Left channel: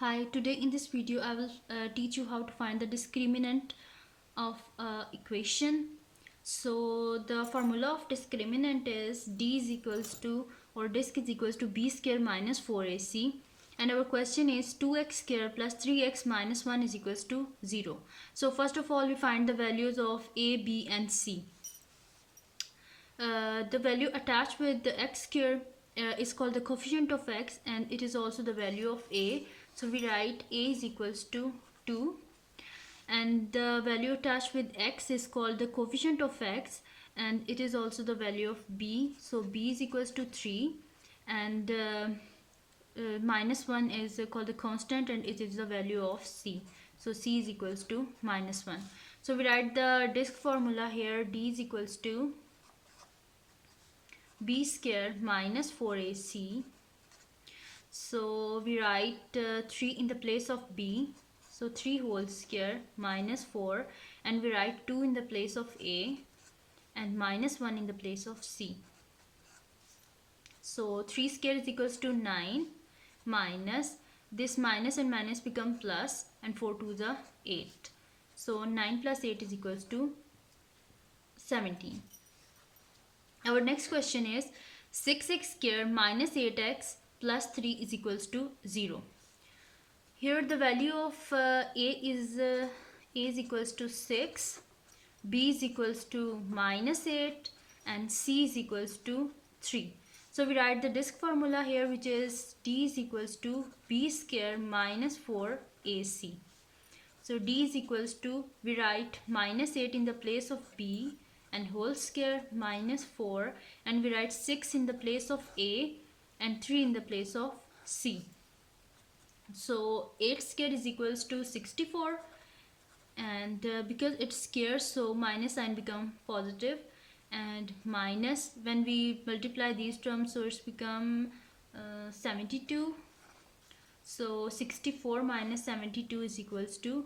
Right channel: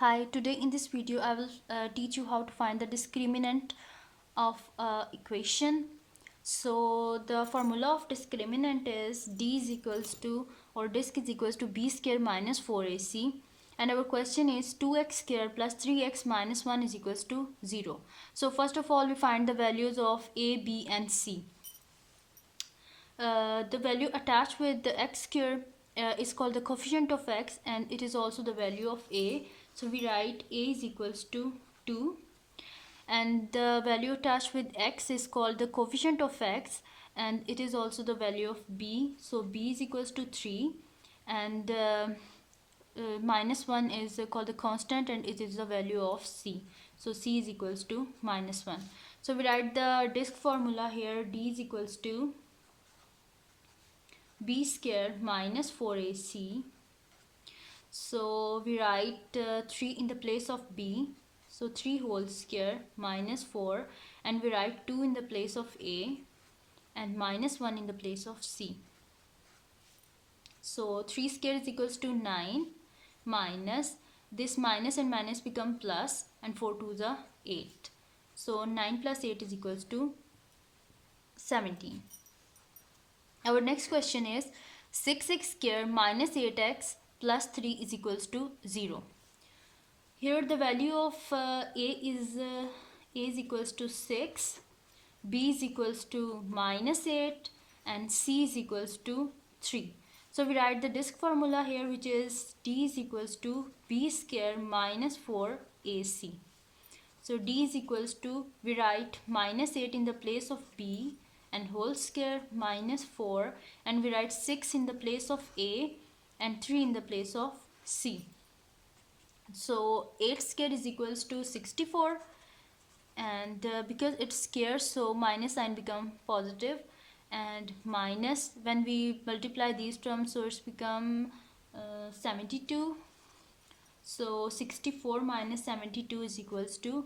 Hi, today in this video I will teach you how to find the discriminant of equation. So the formula of discriminant is d is equals to, or disk is equals to b square minus 4ac, and our question is 2x square plus 3x minus 1 is equals to 0. So first of all we find the values of a, b and c. The value attached with the x square is called the coefficient of x, and it is also the value of a. So we write a is equals to 2, and the value attached with x is called the coefficient of x, and it is also the value of b. So b is equals to 3, and minus 1 is called the constant, and it is the value of c. So c is equals to minus 1. So we write the disk formula here. D is equals to b square minus 4ac. So we write 3 in the place of b, so 3 whole square minus 4, and we write 2 in the place of a and minus 1 in the place of c. So 3 square is equals to 9, minus this minus and minus become plus, and 4 to the 8. So 9 plus 8 is equals to 17. Our next question is 6x square minus 8x plus 3 is equals to 0. Here the value of a is equals to 6, b is equals to minus 8, and c is equals to 3. So we write the disk formula here, which is d is equals to b square minus 4ac. So d is equals to, we write minus 8 in the place of b and whole square minus 4, and we write 6 in the place of a and 3 in the place of c. So 8 square is equals to 64, and because it's square, so minus sign become positive, and minus when we multiply these terms, so it's become 72. So 64 minus 72 is equals to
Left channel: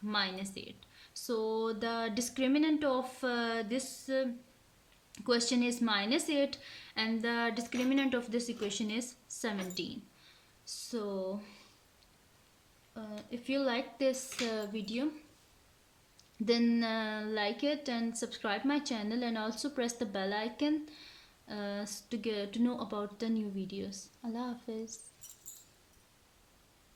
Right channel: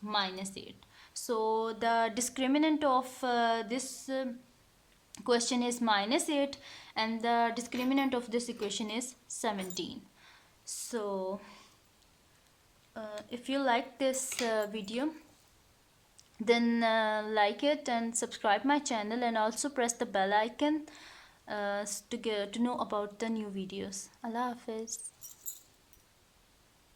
minus 8. So the discriminant of this question is minus 8, and the discriminant of this equation is 17. So if you like this video, then like it and subscribe my channel, and also press the bell icon to know about the new videos. Allah Hafiz.